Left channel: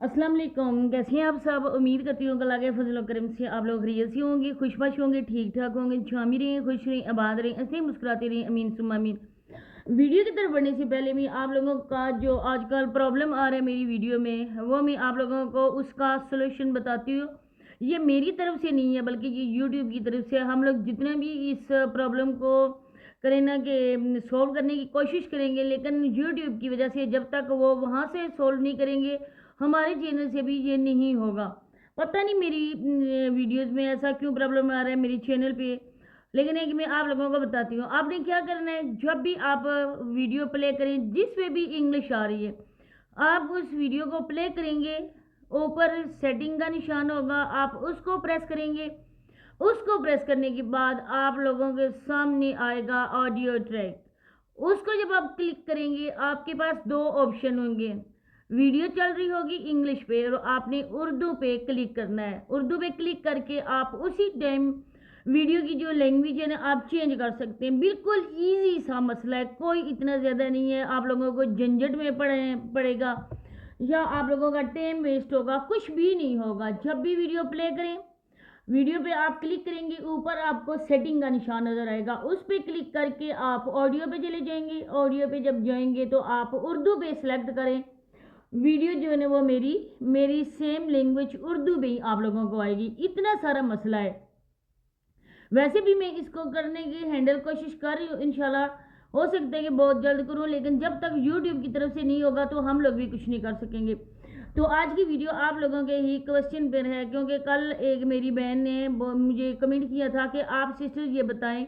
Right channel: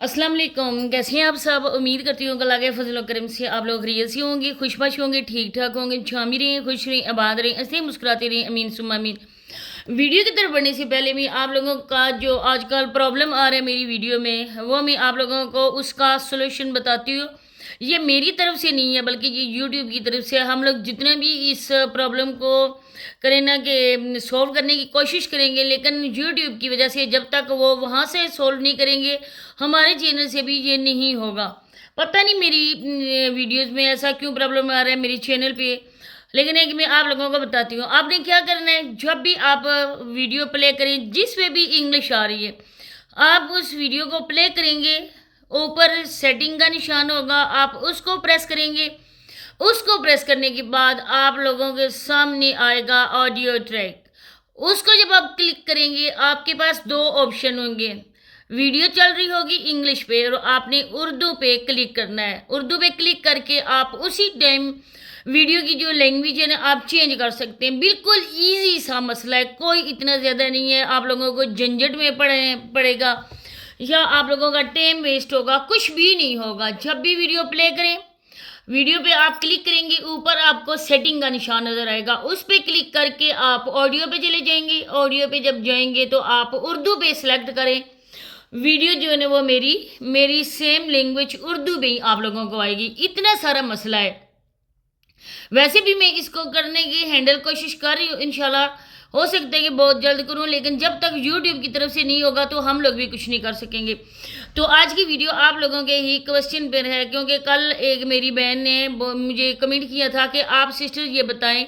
अस्सलाम वालेकुम। कैसे हैं आप सब? उम्मीद करती हूँ अल्लाह के फजल करम से आप लोग खैरियत से होंगे, खुशबाश होंगे, ठीक ठाक होंगे, छामी रहें, खुश रहें, आबाद रहें, ऐसे ही मुस्कुराते रहें। अमीन सुम्मा अमीन। वीडियो की तरफ बढ़ने से पहले मैं आप लोगों का जो आजकल प्रॉब्लम आ रहा है मेरी वीडियो में, वो मैं आप लोगों को उसका सोल्यूशन बताती हूँ। ये मेरी तरफ से नहीं है बल्कि ये यूट्यूब की तरफ से। हम लोग जितना भी इस प्रॉब्लम को करें ना कि सॉल्व करने की कोशिश करेंगे, लेकिन यूट्यूब की वजह से जब तक वो वहाँ से सॉल्व नहीं करेंगे, हमारे चैनल से भी ये नहीं होगा। पता नहीं मेरी वीडियोज़ में ऐसा क्यों प्रॉब्लम आ रहा है मेरे चैनल पे। लेकिन एक मैं आप लोगों को बताती हूँ, आपने क्या करना है, जब भी आप वीडियो प्ले करें जिसमें भी इंग्लिश आ रही है, आप उस वीडियो को प्ले करेंगे, ऊपर सेटिंग का निशान होगा, आप उसको प्रेस करेंगे। उसको प्रेस करने के बाद आप लोगों के सामने आएगा ऑडियो ट्रैक। उसको जब आप क्लिक करेंगे, आपके पास दो ऑप्शन होंगे। वीडियो चल रही होगी इंग्लिश पे और आपने उर्दू पे क्लिक करना है। उर्दू पे क्लिक करके आप उसी टाइम वीडियो की जो लैंग्वेज है ना, आप चेंज कर सकते हैं। बिल्कुल ईजी सा मसला है, कोई इतना ज़्यादा नहीं है आप लोगों को झंझट में पड़ेगा या आप लोगों का टाइम वेस्ट होगा, कुछ भी नहीं होगा। जब भी वीडियो प्ले करें, वीडियो पे आप क्लिक करेंगे, ऊपर आपको सेटिंग का निशान नज़र आएगा, उस पे क्लिक करके आप ऑडियो पे चले जाएंगे। ऑडियो पे जब जाएंगे तो आप उर्दू पे सिलेक्ट करें। वीडियो जो है ना वो मेरी सेम लैंग्वेज उर्दू में ही आप लोगों को आएगी। इतना सारा मसला है। वैसे भी मैं इसको करने की हैंडल कोशिश कर रही हूँ, इंशाल्लाह हो सकता है कि बहुत जल्द करूँ, लेकिन जब तक यूट्यूब की तरफ से नहीं होगा तो हम लोग भी कुछ नहीं कर सकेंगे। तो आज की वीडियो आप लोगों के ही क्वेश्चन पर है, क्योंकि कल एक मेरी बहन ने मुझे कमेंट किया था कि आप सिस्टर ये बताएं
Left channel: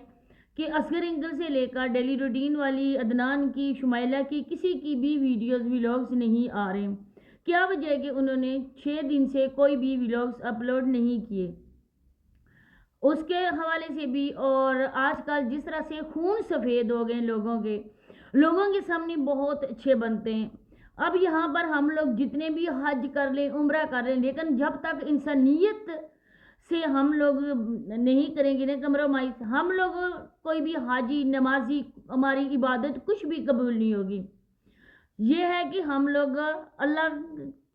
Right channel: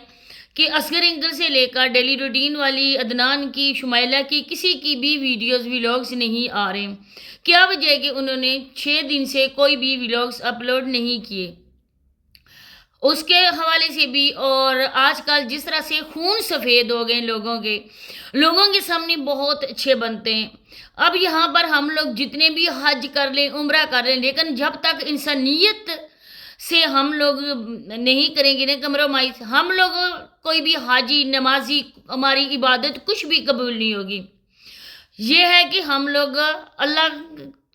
कि असगर एंगल से लेकर डेली रूटीन वाली, अदनान की, शुमाइला की, किसी की भी वीडियोस व्लॉग्स नहीं आ रहे। क्या वजह है कि उन्होंने 6 दिन से कोई भी व्लॉग्स अपलोड नहीं किए। उसके हवाले से भी, और आजकल जिस तरह से खून सफ़ेद हो गए लोगों के सामने बहुत अच्छे बनते हैं। अब यहाँ पर हम लोग जितने भी हज कर लें, उम्रा कर लें, लेकिन जब तक इंसानियत से हम लोग नहीं करेंगे ना कम्प्रोमाइज़, हम लोग कोई भी हाजी नमाजी, हमारी इबादत कुछ भी कबूल नहीं होगी। ये है कि हम लोग अल्लाह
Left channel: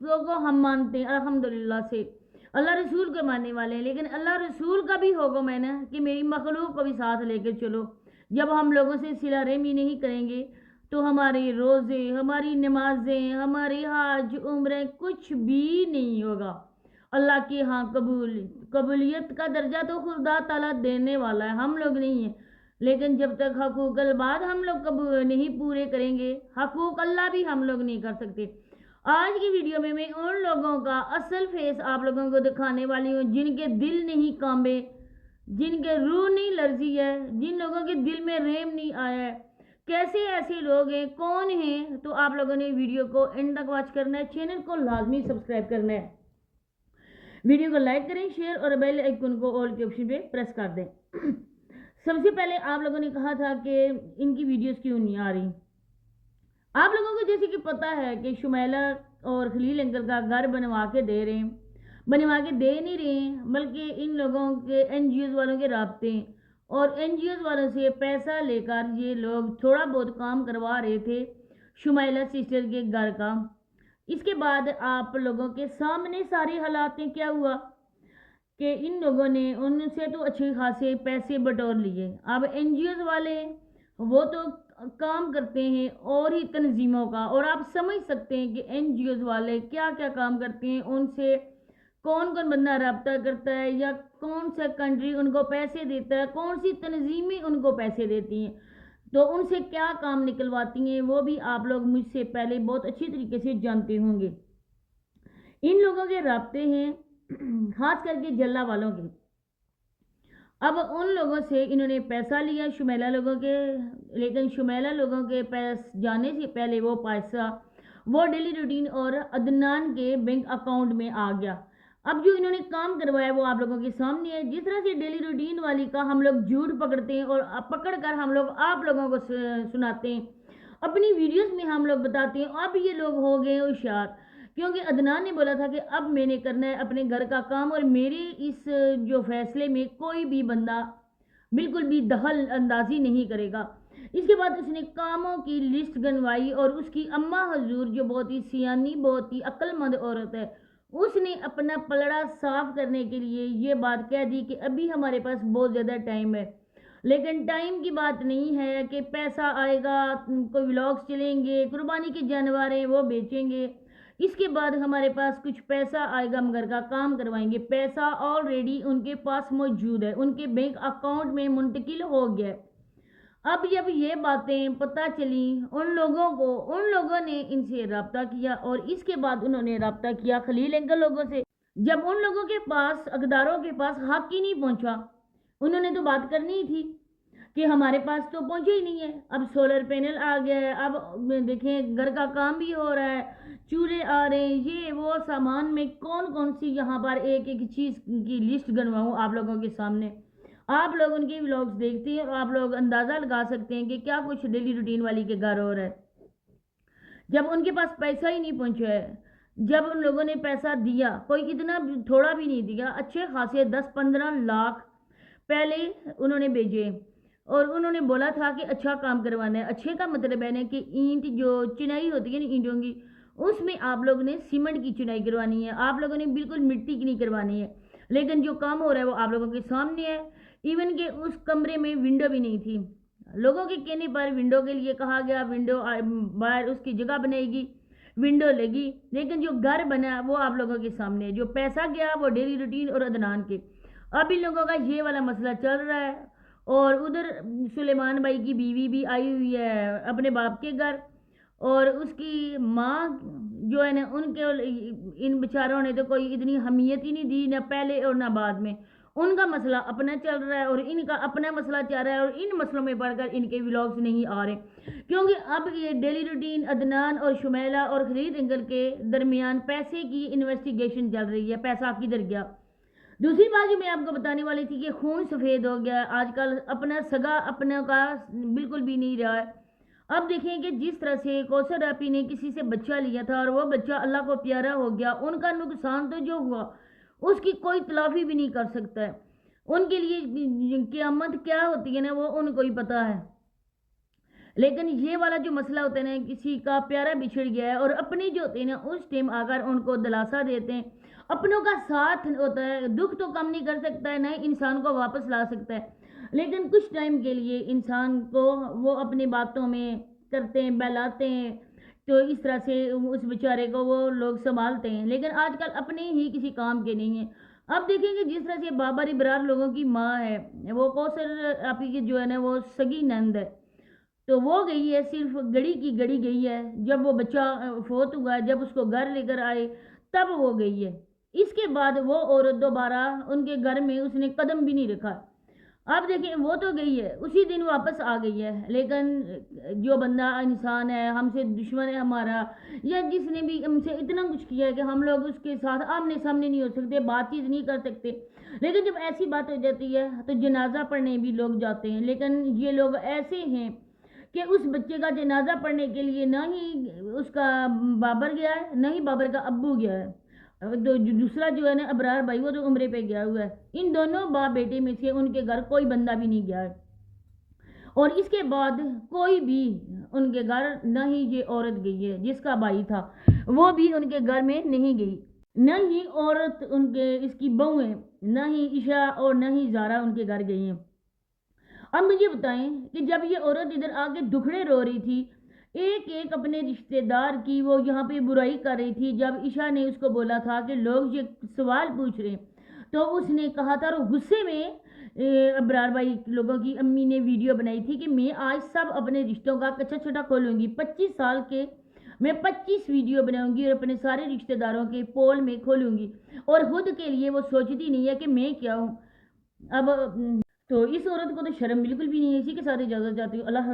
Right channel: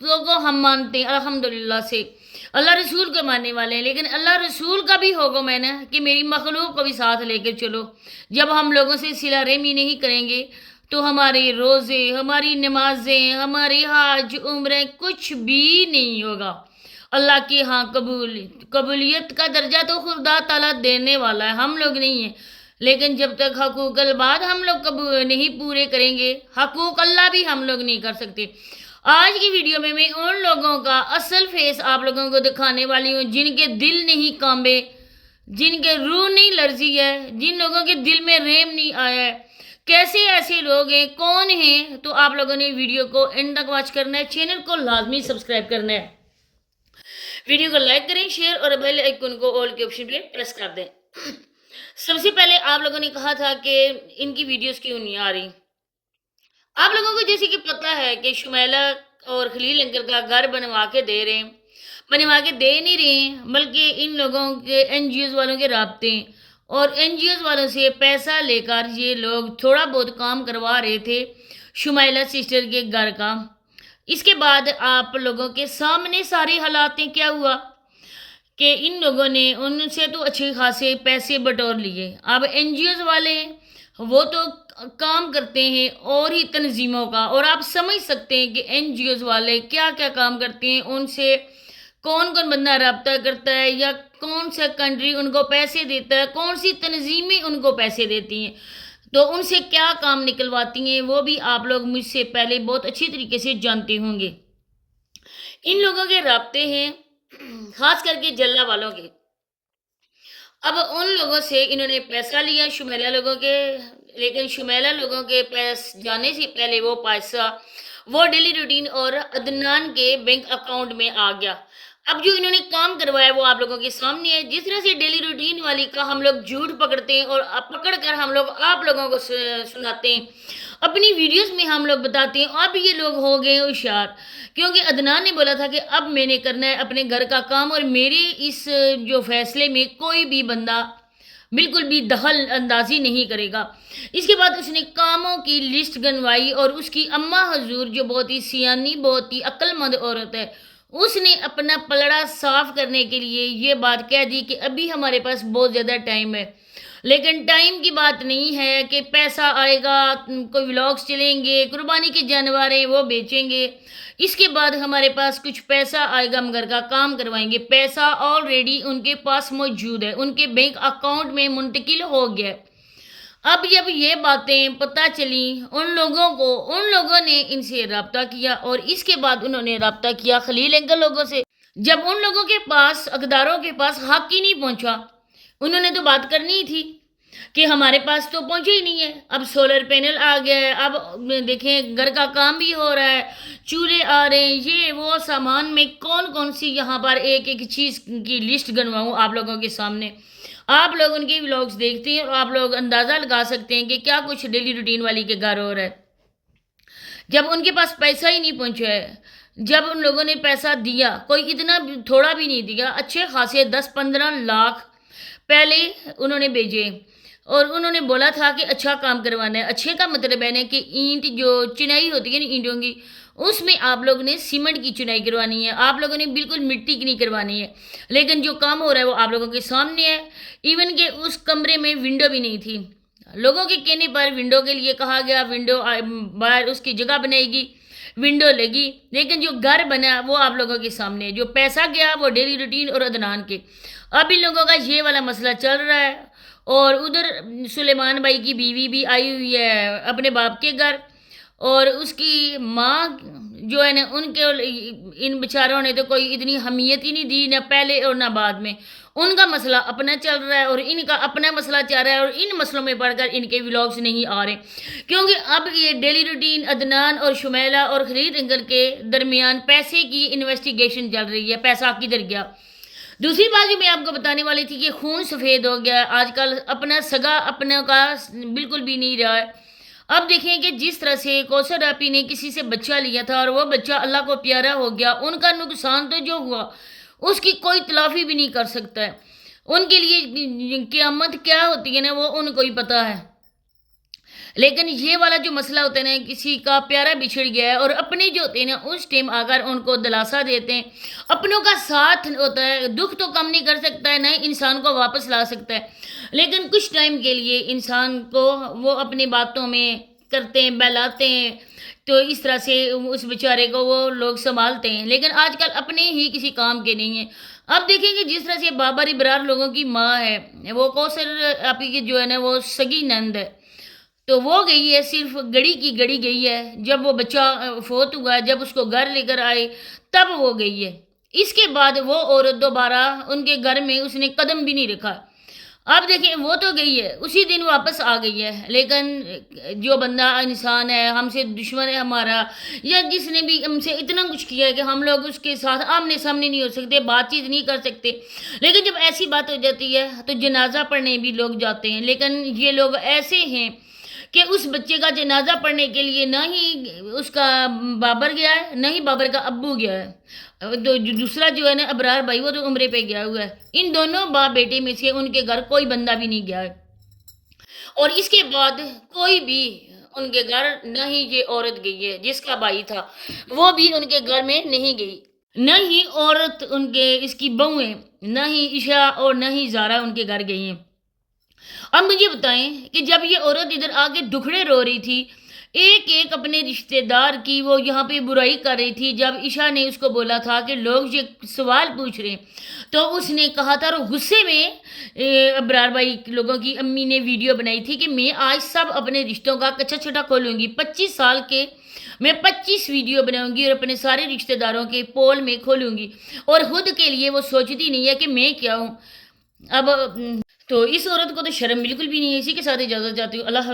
को हम मानते हैं अल्हम्दुलिल्लाह से, अल्लाह रसूल को मानने वाले हैं, लेकिन अल्लाह रसूल का भी हुक्म है ना कि मेरी मखलूक को भी साथ लेकर चलो। जब हम लोगों से सिला रहमी नहीं करेंगे तो हमारे रोज़े, हमारी नमाजें, हमारी हज उम्रें कुछ भी नहीं होगा। अल्लाह के यहाँ कबूलियत का दर्जा तो खुदा ताला देने वाला है, हम लोग नहीं हैं। लेकिन जब तक हकूक़ल बाद हम लोग कब नहीं पूरे करेंगे, हकूक़ अल्लाह भी हम लोग नहीं कर सकते। आज की वीडियो में मैं उन लोगों का असल फेस आप लोगों को दिखाने वाली हूँ जिनके दिल नहीं कांबे, जिनके रूह नहीं लर्जी है, जिन लोगों के दिल में रहम नहीं आया है। कैसे ऐसे लोग हैं, कौन हैं? तो आप लोगों ने वीडियो को एंड तक वॉच करना है, चैनल को लाजमी सब्सक्राइब करना है, वीडियो को लाइक करें, शेयर और बेल आइकन को ऑल के ऑप्शन पे प्रेस कर दें। सबसे पहले आप लोगों ने कहा था कि इनकी वीडियोस क्यों नहीं आ रही। आप लोगों को जैसे कि पता है कि शुमैला और खलील अंकल का घर बनवा के दे रहे हैं, बनवा के दे नहीं रहे हैं, बल्कि इन लोगों के एनजीओज वालों के राब्ते हैं और एनजीओज वालों से पैसा लेकर ये लोग थोड़ा बहुत काम करवा रहे थे शुमैला सिस्टर के घर का। इसके बाद आप लोगों के सामने सारे हालात हैं। क्या हुआ कि इन लोगों ने उनसे तो अच्छे खासे पैसे बटोर लिए। अब एनजीओज वाले वो तो काम करते हैं और ही तंजीमों का, और आप समझ सकते हैं कि एनजीओज वाले क्या क्या काम करते हैं, उनसे कौन कौन बंदा रब्ता करता है या कौन सा कंट्री उनको पैसे देता है, कौन सी तंजीमें उनको पैसे देती हैं, तो उनसे क्या काम निकलवाती हैं, वो भी आप लोग मुझसे पहले बहुत अच्छी तरीके से जानते होंगे। इन लोगों के राब्ते हैं खास करके जल्ला वालों के। अब उन लोगों से इन्होंने पैसा लिया शुमैला लोगों के, लेकिन शुमैला लोगों के पास जाने से पहले वो पैसा वो डेली रूटीन और अदनान के बैंक अकाउंट में आ गया। अब जो इन्होंने काम करवाया वो आप लोगों के सामने है। जिस तरह से डेली रूटीन वाली का हम लोग झूठ पकड़ते हैं और पकड़ कर हम लोग आप लोगों को सुनाते हैं, अपनी वीडियोस में हम लोग बताते हैं। अब ये लोग हो गए होशियार, क्योंकि अदनान ने बोला था कि अब मैंने करना है अपने घर का काम और मेरे इस जो फैसले में कोई भी बंदा بالکل بھی دخل اندازی نہیں کرے گا۔ اس کے بعد اس نے کاموں کی لسٹ گنوائی اور اس کی اماں حضور جو بہت ہی سیانی بہت ہی عقل مند عورت ہے، اس نے اپنا پلڑا صاف کرنے کے لیے یہ بات کہہ دی کہ ابھی ہمارے پاس بہت زیادہ ٹائم ہے، لیکن ٹائم کی بات نہیں ہے کہ پیسہ آئے گا، کوئی ولاگس چلیں گے، قربانی کے جانور ہیں وہ بیچیں گے، اس کے بعد ہمارے پاس کچھ پیسہ آئے گا، ہم گھر کا کام کروائیں گے۔ پیسہ آلریڈی ان کے پاس موجود ہے، ان کے بینک اکاؤنٹ میں منتقل ہو گیا ہے۔ اب جب یہ باتیں پتہ چلیں ان لوگوں نے ان سے رابطہ کیا، اور اس کے بعد انہوں نے رابطہ کیا خلیل انکل لوگوں سے۔ جب ان لوگوں کے پاس اقداروں کے پاس حق ہی نہیں پہنچا، انہوں نے تو بات کرنی ہی تھی کہ ہمارے پاس تو پہنچے ہی نہیں ہے۔ اب سولر پینل آ گیا ہے، اب دیکھیں گھر کا کام بھی ہو رہا ہے، چولہے آ رہے ہیں، یہ وہ سامان میں کون سی یہاں پر ایک ایک چیز کی لسٹ گنواؤں آپ لوگوں کے سامنے۔ آپ لوگ ان کے ولاگس دیکھتے ہیں اور آپ لوگ اندازہ لگا سکتے ہیں کہ کیا کچھ ڈیلی روٹین والی کے گھر ہو رہا ہے۔ جب ان کے پاس پیسہ ہی نہیں پہنچا ہے، جب ان لوگوں نے پیسہ دیا، کوئی اتنا تھوڑا بھی نہیں دیا، اچھے خاصے 10-15 لاکھ پہلے انہوں نے بھیجے، اور انہوں نے بولا تھا کہ اچھا کام کروانا ہے۔ اچھے کا مطلب ہے نا کہ اینٹ جو چنائی ہوتی ہے نا اینٹوں کی، اس میں آپ لوگ نے سیمنٹ کی چنائی کروانی ہے، آپ لوگوں نے بالکل مٹی کی نہیں کروانی ہے۔ لیکن جو کام ہو رہا ہے وہ آپ لوگوں کے سامنے ہے۔ ایون کہ اس کمرے میں ونڈو بھی نہیں تھی، لوگوں کے کہنے پر ونڈو کے لیے کہا گیا، ونڈو باہر اس کی جگہ بنائے گی، ونڈو لگی، لیکن جو گھر بنا وہ آپ لوگوں کے سامنے ہے۔ جو پیسہ گیا وہ ڈیلی روٹین اور عدنان کے۔ اب ان لوگوں کا یہ والا مسئلہ چل رہا ہے، اور ادھر سلیمان بھائی کی بیوی بھی آئی ہوئی ہے اپنے باپ کے گھر، اور اس کی ماں جو ہے نا ان بیچاروں نے تو کوئی اتنی حمیت ہی نہیں دی، نہ پہلے اور نہ بعد میں۔ ان کا مسئلہ اپنا چل رہا ہے اور ان کا اپنا مسئلہ چل رہا ہے، اور ان مسئلوں میں پڑھ کر ان کے ولاگس نہیں آ رہے، کیونکہ اب یہ ڈیلی روٹین عدنان اور شمیلہ اور خلیل انکل کے درمیان پیسے کی انویسٹیگیشن چل رہی ہے، پیسہ کدھر گیا۔ دوسری بات جو میں آپ کو بتانے والی تھی کہ خون سفید ہو گیا آج کل، اپنا سگا اپنا کا بالکل بھی نہیں رہا ہے۔ اب دیکھیں کہ جس طرح سے کوثر آپی نے کسی سے بچہ لیا تھا اور وہ بچہ اللہ کو پیارا ہو گیا، ان کا نقصان تو جو ہوا اس کی کوئی تلافی بھی نہیں کر سکتا ہے۔ ان کے لیے قیامت کیا ہوتی ہے نا وہ ان کو ہی پتہ ہے۔ لیکن یہ والا جو مسئلہ ہوتا ہے نا، کسی کا پیارا بچھڑ گیا ہے اور اپنے جو ہوتے ہیں نا اس ٹائم آ کر ان کو دلاسا دیتے ہیں، اپنوں کا ساتھ ہوتا ہے، دکھ تو کم نہیں کر سکتا ہے، نہ انسان کو واپس لا سکتا ہے، لیکن کچھ ٹائم کے لیے انسان کو وہ اپنی باتوں میں کرتے ہیں، بہلاتے ہیں، تو اس طرح سے اس بیچارے کو وہ لوگ سنبھالتے ہیں، لیکن آج کل اپنے ہی کسی کام کے نہیں ہیں۔ اب دیکھیں کہ جس طرح سے بابر ابرار لوگوں کی ماں ہے، وہ کوثر آپی کی جو ہے نا وہ سگی نند ہے، تو وہ گئی ہے، صرف گڑی کی گڑی گئی ہے، جب وہ بچہ فوت ہوا، جب اس کو گھر لے کر آئے تب وہ گئی ہے۔ اس کے بعد وہ عورت دوبارہ ان کے گھر میں اس نے قدم بھی نہیں رکھا۔ اب دیکھیں وہ تو گئی ہے، اسی دن واپس آ گئی ہے، لیکن جو بندہ انسان ہے، ہم سے دشمن ہے ہمارا، یا جس نے بھی ہم سے اتنا کچھ کیا ہے کہ ہم لوگ اس کے ساتھ آمنے سامنے نہیں ہو سکتے، بات چیت نہیں کر سکتے، لیکن جب ایسی بات ہو جاتی ہے تو جنازہ پڑھنے بھی لوگ جاتے ہیں، لیکن یہ لوگ ایسے ہیں کہ اس بچے کا جنازہ پڑھنے کے لیے نہ ہی اس کا بابر گیا ہے، نہ ہی بابر کا ابو گیا ہے، دوسرا جو ہے نا ابرار بھائی وہ تو عمرے پہ گیا ہوا ہے۔ ان دونوں باپ بیٹے میں سے ان کے گھر کوئی بندہ بھی نہیں گیا ہے، اور اس کے بعد کوئی بھی ان کے گھر نہ ہی یہ عورت گئی ہے جس کا بھائی تھا، وہ بھی ان کے گھر میں نہیں گئی، نہ ہی عورت ان کے اس کی بہویں، نہ ہی عشاء اور نہ ہی زارا ان کے گھر گئی ہیں۔ اب مجھے بتائیں کہ جب یہ عورت ادھر آ کے دکھڑے رو رہی تھی، ایک ایک اپنے رشتہ دار کی وہ یہاں پہ برائی کر رہی تھی، جب عشاء نے اس کو بولا تھا کہ لوگ یہ سوال پوچھ رہے ہیں تو اس نے کہا تھا، اور غصے میں ابرار بھائی لوگوں کی امی نے ویڈیو بنائی تھی کہ میں آج سب اپنے رشتوں کا کچا چھٹا کھولوں گی، 25 سال کے میں 25 ویڈیو بناؤں گی اور اپنے سارے رشتہ داروں کے پول میں کھولوں گی، اور خود کے لیے وہ سوچتی نہیں ہے کہ میں کیا ہوں۔ اب تو اس عورت کو تو شرم بالکل بھی نہیں ہے۔ اسی کے ساتھ اجازت چاہتی ہوں، اللہ حافظ۔